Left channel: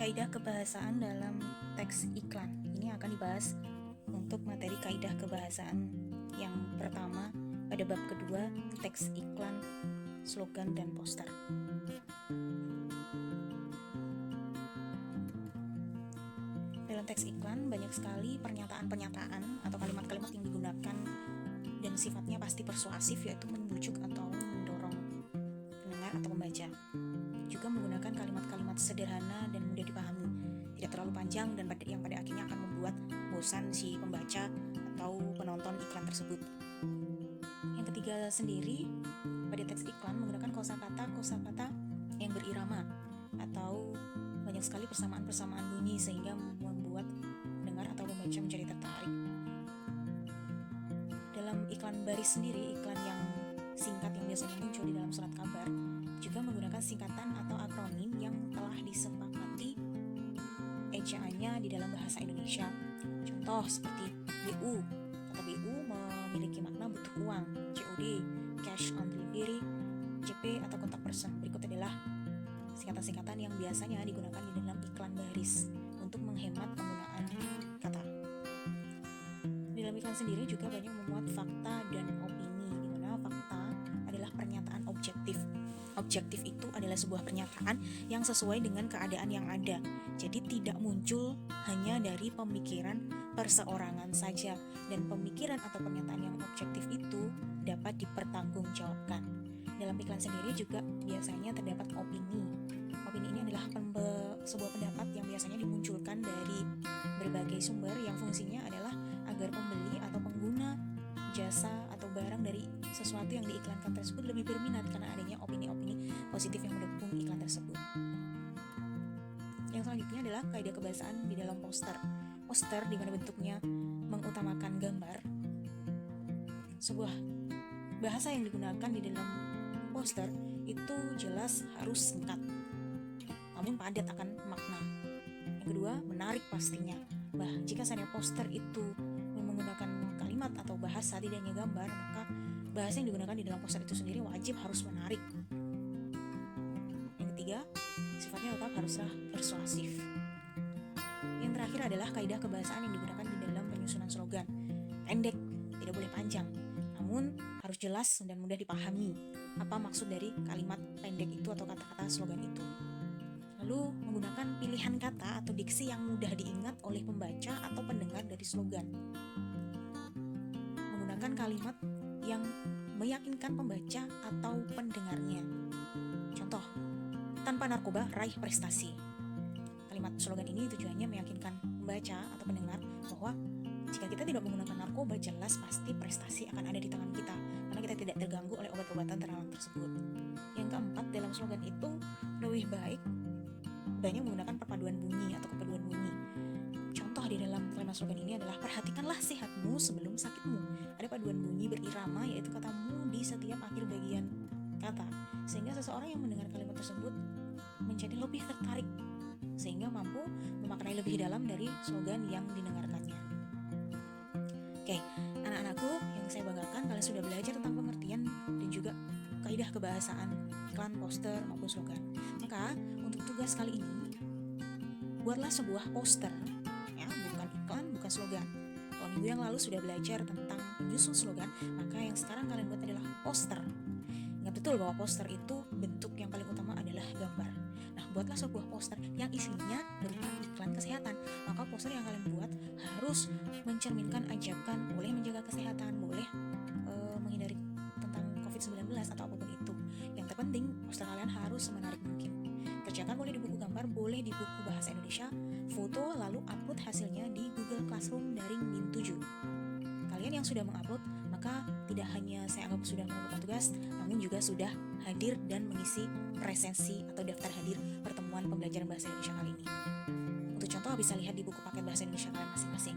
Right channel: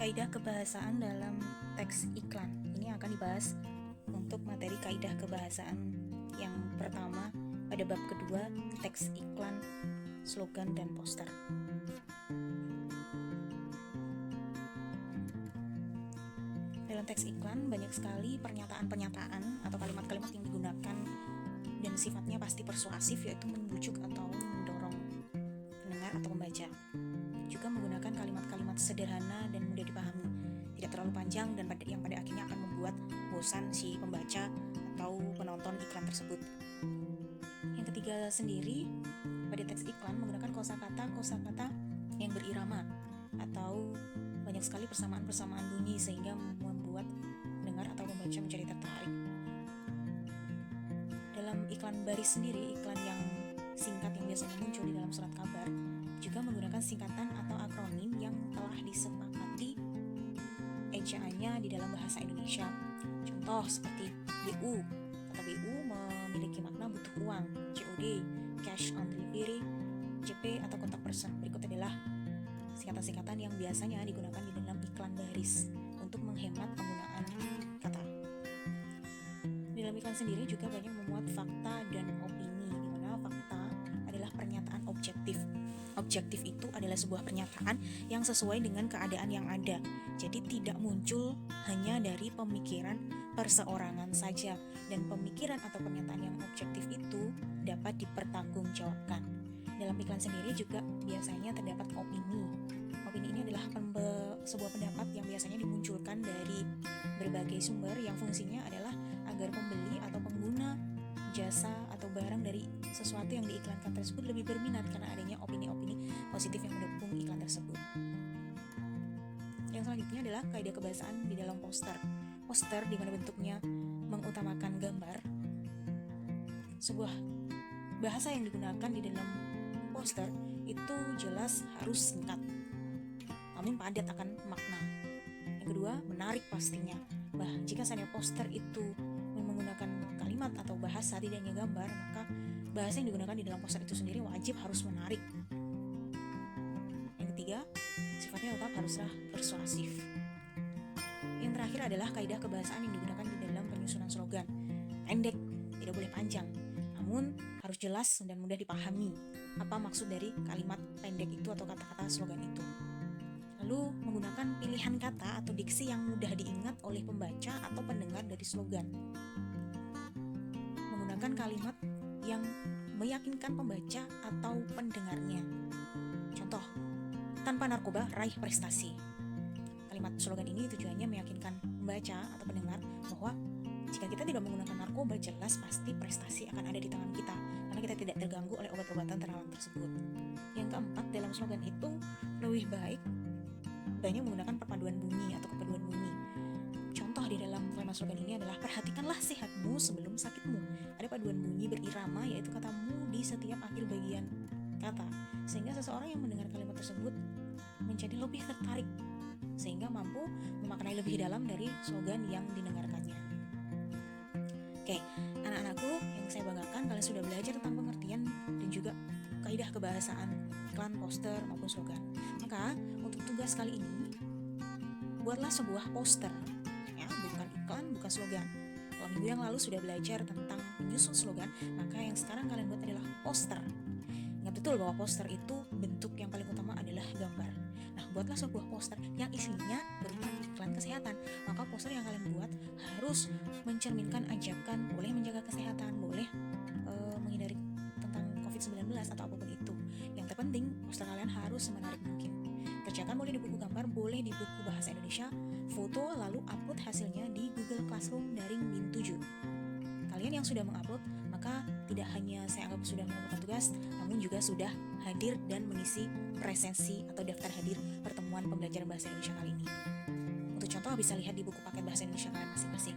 Kaidah kebahasaan dalam teks iklan. Ini akan dibahas untuk materi kaidah kebahasaan yang pertama pada bab kedua, teks iklan, slogan, dan poster. Dalam teks iklan banyak sekali pernyataan-pernyataan atau kalimat-kalimat yang digunakan dan sifatnya pasti persuasif, yaitu membujuk atau mendorong pendengar atau pembaca. Juga menggunakan kalimat-kalimat sederhana dan mudah dipahami, tidak terlalu panjang dan yang pada akhirnya akan membuat bosan si pembaca atau penonton iklan tersebut. Yang ketiga sendiri, pada teks iklan menggunakan kosakata yang berirama atau banyak sekali persamaan-persamaan bunyi sehingga membuat pendengar atau pembaca menjadi tertarik. Dalam iklan baris sendiri, iklan yang singkat yang biasanya muncul di dalam surat kabar, juga menggunakan singkatan atau akronim yang telah disepakati ejaannya di dalam bahasa Indonesia. Contoh seperti BU. Kata BU memiliki makna butuh uang, COD, cash on delivery, CP atau kontak person. Berikut adalah singkatan-singkatan yang biasanya digunakan di dalam iklan baris untuk menghemat penggunaan kata. Di dalam iklan sendiri juga banyak memuat fakta dan opini, di mana fakta adalah pernyataan objektif. Objektif itu adalah sebuah pernyataan yang sesuai dengan keadaan yang ada. Jadi tidak muncul hanya dari pemikiran perseorangan saja, dan pemikiran atau pernyataan yang objektif itu dapat dipertanggungjawabkan. Dalam iklan sendiri juga biasanya terdapat opini. Opini ini adalah sebuah pendapat yang biasanya dimunculkan dari berbagai sumber yang fungsinya adalah agar pembeli atau pengguna jasa atau barang dari sesuatu yang diiklankan tersebut lebih berminat karena adanya opini-opini positif yang mendukung iklan tersebut. Yang selanjutnya adalah kaidah kebahasaan di dalam poster. Poster di mana bentuknya mengutamakan gambar. Sebuah bahasa yang digunakan di dalam poster itu jelas harus singkat, namun padat akan makna. Yang kedua, menarik pastinya. Jika seandainya poster itu menggunakan kalimat atau bahasa tidak hanya gambar, maka bahasa yang digunakan di dalam poster itu sendiri wajib harus menarik. Yang ketiga, sifatnya tetap haruslah persuasif. Yang terakhir adalah kaidah kebahasaan yang digunakan di dalam penyusunan slogan. Pendek, tidak boleh panjang, namun harus jelas dan mudah dipahami apa maksud dari kalimat pendek itu atau kata-kata slogan itu. Lalu menggunakan pilihan kata atau diksi yang mudah diingat oleh pembaca atau pendengar dari slogan. Menggunakan kalimat yang meyakinkan pembaca atau pendengarnya. Contoh, tanpa narkoba raih prestasi. Kalimat slogan ini tujuannya meyakinkan pembaca atau pendengar bahwa jika kita tidak menggunakan narkoba, jelas pasti prestasi akan ada di tangan kita, karena kita tidak terganggu oleh obat-obatan terlarang tersebut. Yang keempat, dalam slogan itu lebih baik banyak menggunakan perpaduan bunyi atau kepaduan bunyi. Contoh di dalam kalimat slogan ini adalah perhatikanlah sehatmu sebelum sakitmu. Ada paduan bunyi berirama, yaitu kata mu di setiap akhir bagian kata, sehingga seseorang yang mendengar kalimat tersebut menjadi lebih tertarik, sehingga mampu memaknai lebih dalam dari slogan yang didengarkannya. Oke, anak-anakku yang saya banggakan, kalian sudah belajar tentang pengertian dan juga kaidah kebahasaan iklan, poster, maupun slogan. Maka untuk tugas kali ini, buatlah sebuah poster, ya, bukan iklan, bukan slogan. Kalau minggu yang lalu sudah belajar tentang menyusun slogan, maka yang sekarang kalian buat adalah poster. Ingat betul bahwa poster itu bentuk yang paling utama adalah gambar. Nah, buatlah sebuah poster yang isinya berupa iklan kesehatan. Maka poster yang kalian buat harus mencerminkan ajakan, boleh menjaga kesehatan, boleh menghindari tentang COVID-19 atau apapun itu. Yang terpenting, poster kalian harus semenarik mungkin. Kerjakan boleh di buku gambar, boleh di buku bahasa Indonesia, foto, lalu upload hasilnya di Google Classroom daring Min 7. Kalian yang sudah mengupload, maka tidak hanya saya anggap sudah mengumpulkan tugas, namun juga sudah hadir dan mengisi presensi atau daftar hadir pertemuan pembelajaran bahasa Indonesia kali ini. Untuk contoh bisa lihat di buku paket bahasa Indonesia kalian masing-masing.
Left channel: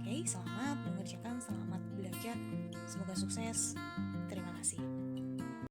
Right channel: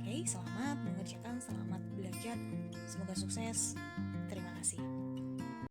Oke, selamat mengerjakan, selamat belajar, semoga sukses. Terima kasih.